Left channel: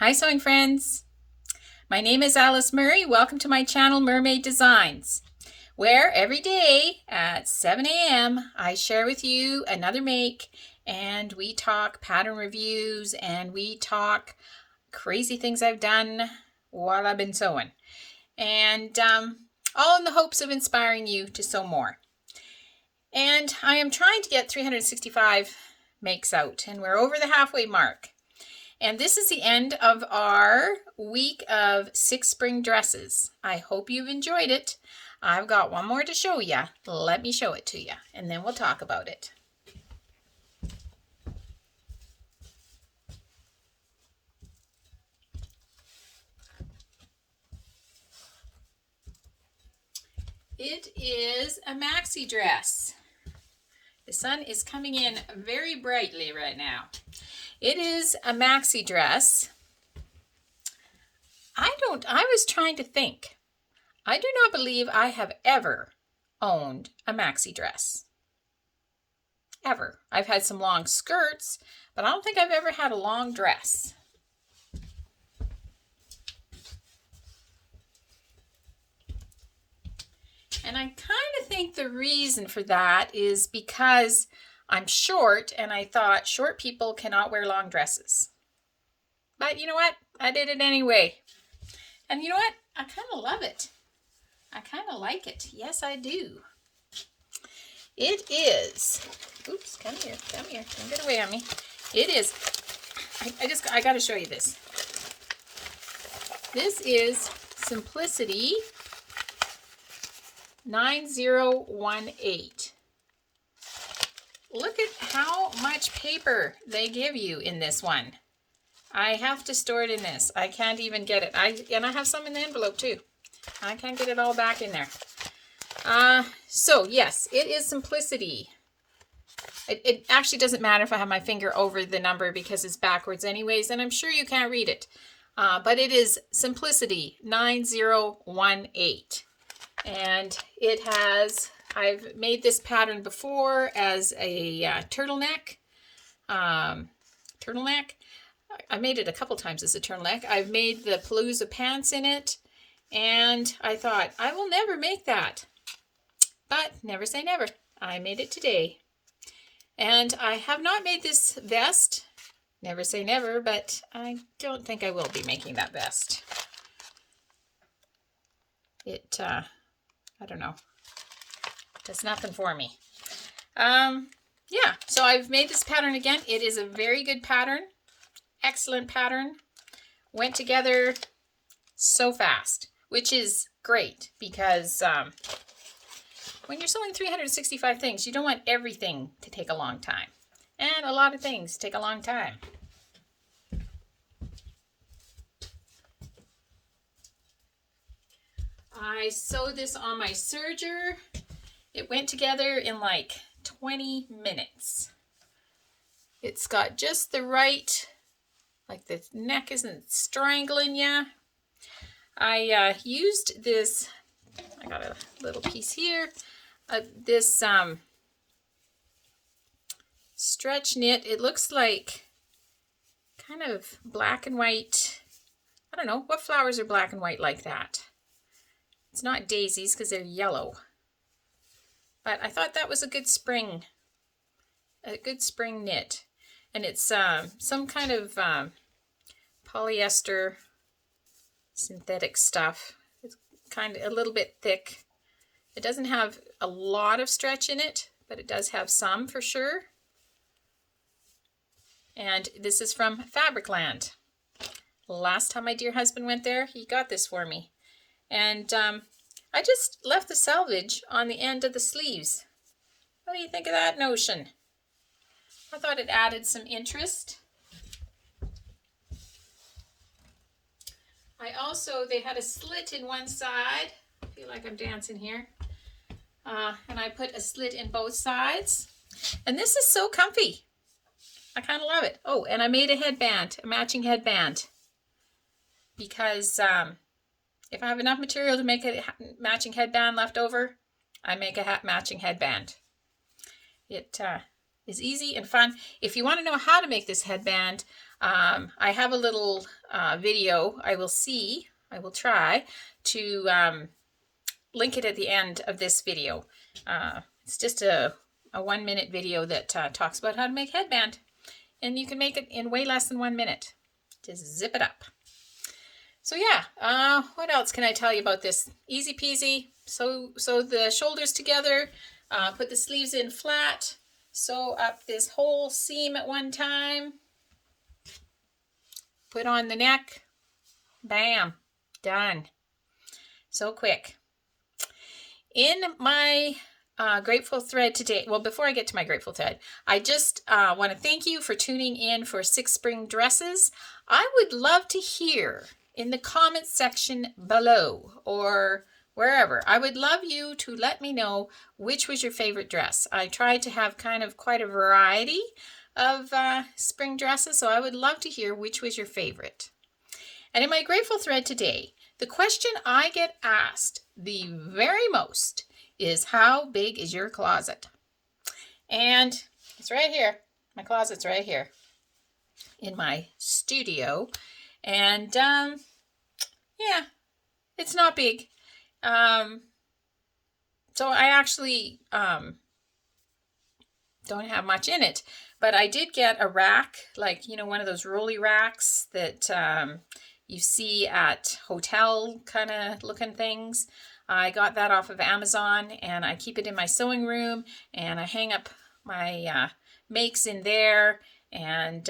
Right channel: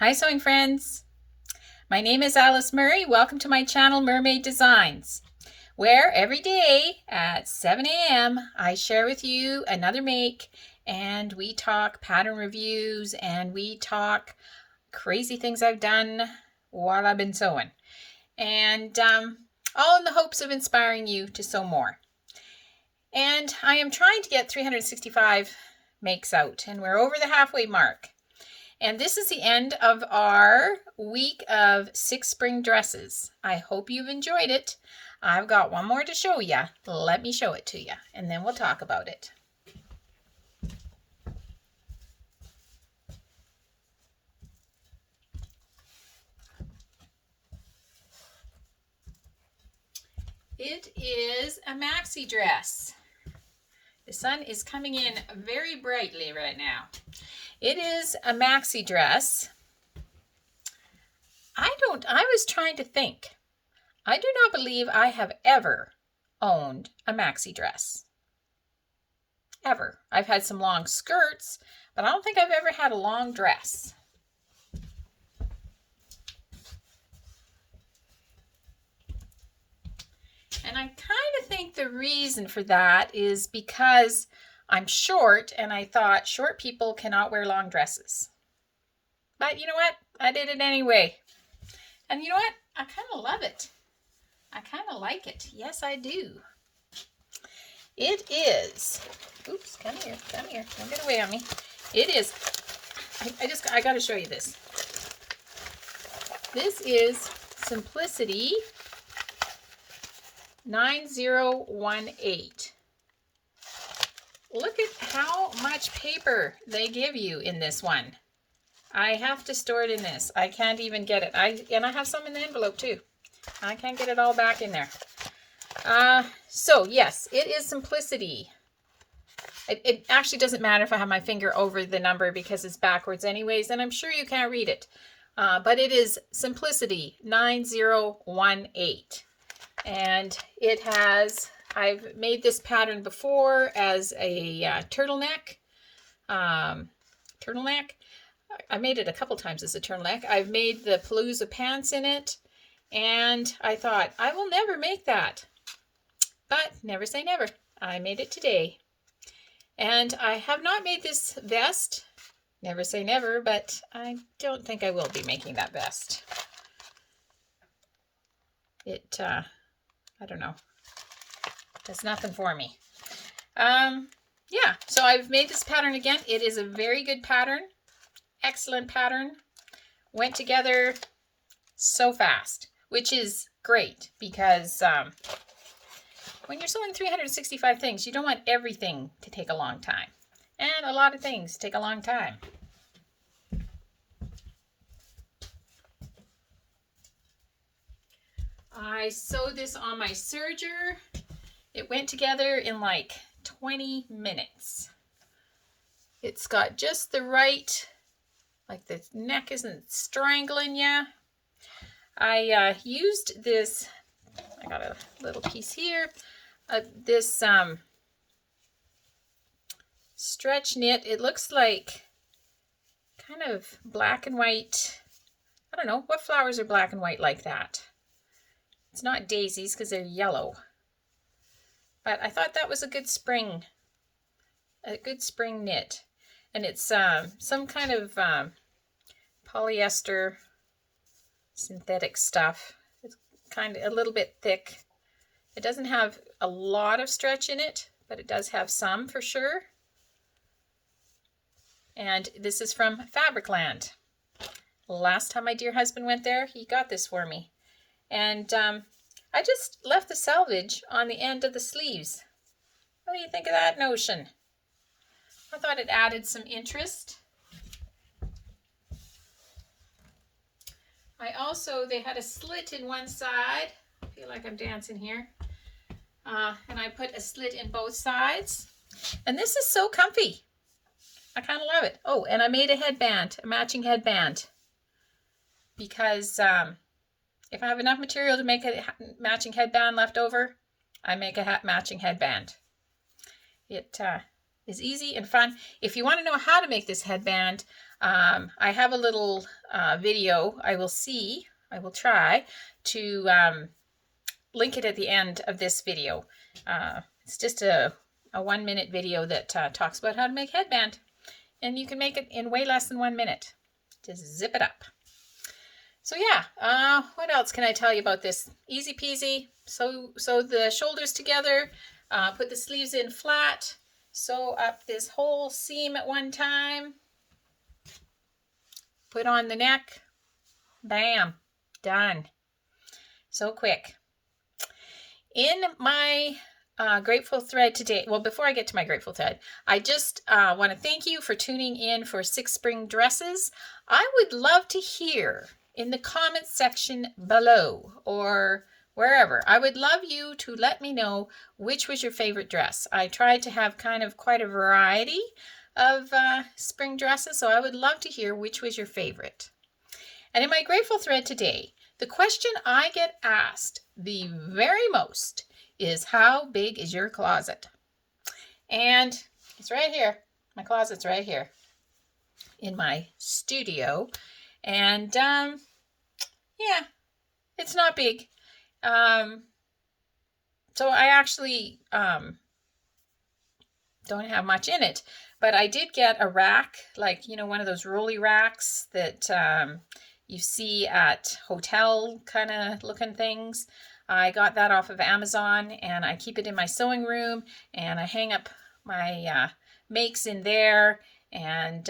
Hi sewing friends! My name is Alice Murray. Welcome to my channel Murrmade Designs, where every day at 7 a.m. I share with you another make, and we talk pattern reviews and we talk crazy things I've done while I've been sewing, and all in the hopes of inspiring you to sew more. And I am trying to get 365 makes out, and we're over the halfway mark. And this is the end of our week of 6 spring dresses. I hope you've enjoyed it. I've got one more to show you. Let me show it to you, and then we'll talk about it. It is a maxi dress. The sun is coming in very brightly right now. It is a maxi dress. I was trying to think. I do not believe I have ever owned a maxi dress. Ever. I've had some long skirts, but I don't think I've ever had a long dress. And I kind of think the reason for that is because I'm short, and I thought short people cannot wear long dresses. But you know what? I did it anyway. And you know what? I kind of love it. I kind of like it. Yes, I do. It is, oops, come here. Don't get away on me. It is, I got to show you this. This is Simplicity 9018. Look at how much paper they give you in this one. I have to store it in this. I can't even get it. And I have some in the envelope too. I can't get it all back in there. So yes, it is Simplicity. It actually doesn't matter if I have my finger over the number because it's backwards anyways, and I'm sure you can't read it. But it is Simplicity 9018. And it has, I've made this pattern before as a turtleneck. I made it a couple times as a turtleneck. I've made the palazzo pants in it, and I thought, I will never make that. But never say never. I made it today. And I have not made this vest. Never say never, but I don't think I will be making that vest. I don't know. Does nothing for me. Yeah, so I've made this pattern again. It is a very good pattern. Excellent pattern. Went together so fast, which is great because when you're sewing 365 things, you don't want everything to take a long time. And a lot of things take a long time. I sewed this on my serger. It went together in like 20 minutes. It's got just the right, like the neck isn't strangling you. I used this, I got a little piece here, this stretch knit. It looks like kind of black and white. I don't know, what flowers are black and white like that? It's not daisies because they're yellow. But I thought that was a good spring knit. And it's some kind of polyester synthetic stuff. It's kind of a little bit thick. It doesn't have a lot of stretch in it, but it does have some for sure. And this is from Fabricland. Last time my dear husband went there, he got this for me. And I just left the salvage on the end of the sleeves. What do you think of that notion? I thought it added some interest. They had a slit in one side. I feel like I'm dancing here. And I put a slit in both sides. And this is so comfy. I kind of love it. Oh, and I made a headband, a matching headband. Because if I have enough material to make a matching headband left over, I make a matching headband. It is easy and fun. If you want to know how to make this headband, I have a little video. I will try to link it at the end of this video. It's just a 1-minute video that talks about how to make headband. And you can make it in way less than 1 minute. Just zip it up. So yeah, what else can I tell you about this? Easy peasy. Sew the shoulders together, put the sleeves in flat, sew up this whole seam at one time, put on the neck, bam, done. So quick. In my grateful thread today, well, before I get to my grateful thread, I just want to thank you for tuning in for 6 spring dresses. I would love to hear in the comments section below or wherever. I would love you to let me know which was your favorite dress. I tried to have kind of quite a variety of spring dresses, so I would love to hear which was your favorite. And in my grateful thread today, the question I get asked the very most is, how big is your closet? And it's right here. My closet's right here in my studio. And yeah, it's not big. So I actually don't have much in it, but I did get a rack, like, you know, one of those rolly racks that you see at hotel kind of looking things. I got that off of Amazon, and I keep it in my sewing room, and I hang up my makes in there, and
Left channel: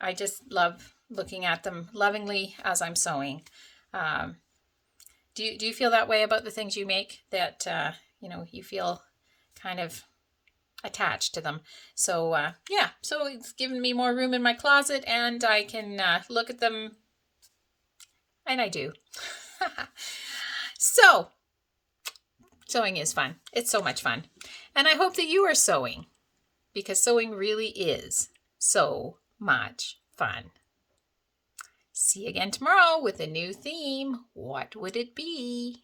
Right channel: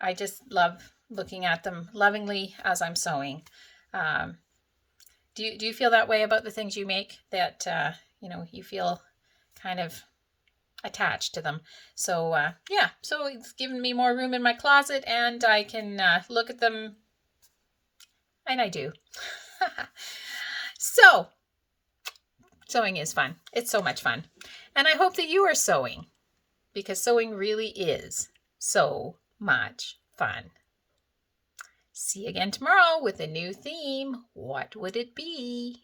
I just love looking at them lovingly as I'm sewing. Do you feel that way about the things you make, that you know, you feel kind of attached to them? So yeah, so it's given me more room in my closet, and I can look at them, and I do. So sewing is fun. It's so much fun, and I hope that you are sewing, because sewing really is so much fun. See you again tomorrow with a new theme. What would it be?